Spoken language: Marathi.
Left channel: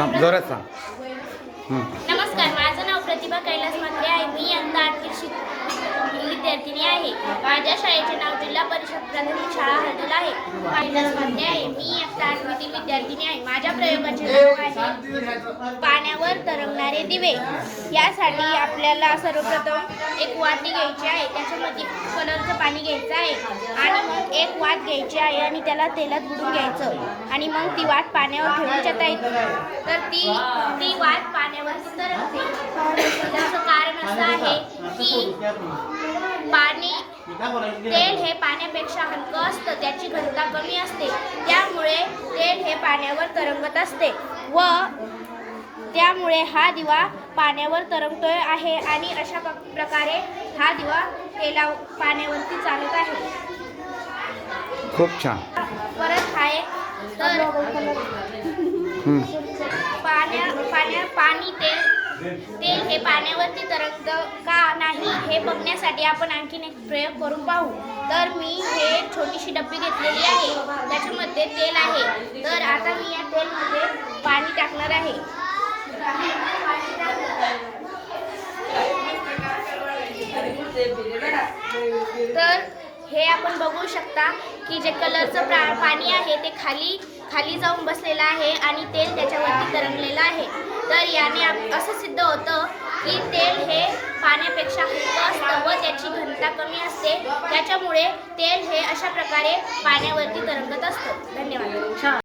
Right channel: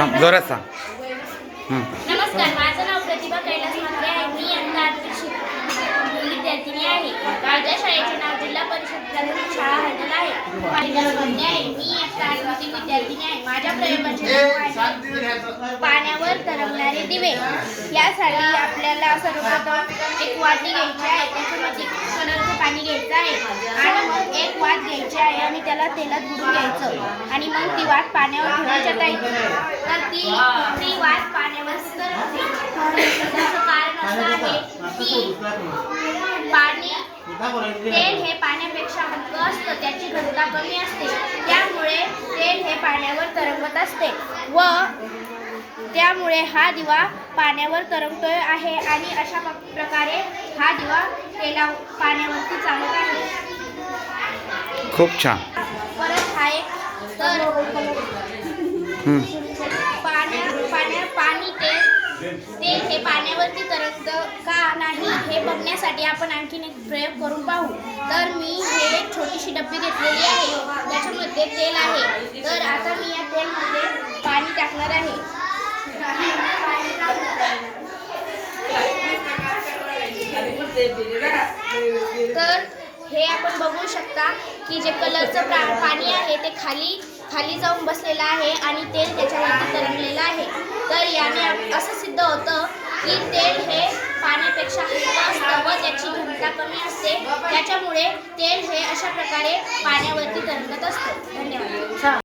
थांब, जोरात सांग. हं. नमस्कार माझं नाव प्रतिभा कैलास मात्रे आहे. मी यंदा आठवी शिक विद्यार्थिनी आहे. माझ्या शाळेचे नाव जिल्हा परिषद प्राथमिक शाळा हडल आहे. आहे. मी इयत्ता आठवीतील विद्यार्थिनी आहे. माझ्या प्रयोगाचे नाव आहे. पाण्यावर आणि दिवे यासाठी आपल्याला सर्वप्रथम एक वाटी घ्यायची आहे. त्याच्यामध्ये कलरचं पाणी घ्यायचं आहे. आणि मग एक वाट घ्यायची आहे आणि त्याला तेलात बुडून घ्यायचं. आणि मग ती वाट पाण्यावर ठेवायच्या टाकायची. तर ती ती वाट पाण्यावर तरंगते त्याचं कारण असं आहे की पाणी तेल हे पाण्यापेक्षा हलकं असतं. त्याची घनता कमी असते. त्यामुळे तेल हे पाण्यावर तरंगत असते. व त्यामुळे हा दिवा पाण्यावर तरंगतोय आहे आणि अशा प्रकारे हा दिवा तेला पाण्यावरती चालत आहे. खूप छान. परत हा एक तर. पाण्या पाण्या पाणी तेल तेल हे पाण्यावरती तरंगत का नाही हे बघण्यासाठी आपण आणखीन एक प्रयोग करून पाहू. तर मी हे छोटीशी डब्बी घेतलेली आहे. त्याच्यामध्ये तेल आहे. तर आता मी या तेलमध्ये पाणी टाकणार आहे. तर हे आपण बघू शकता की जे कलरचं प्रा पाणी आहे ते खाली खाली जाऊन बसलेलं आहे आणि तेल त्याच्यावरती तरंगलेलं आहे. तर याने असं सिद्ध होतं की तेल हे पाण्यापेक्षा हलकं असतं व त्याची घनता कमी असते. त्याच्यामुळे तेल हे अशा प्रकारे पाण्यावरती तरंगत असतं. धन्यवाद.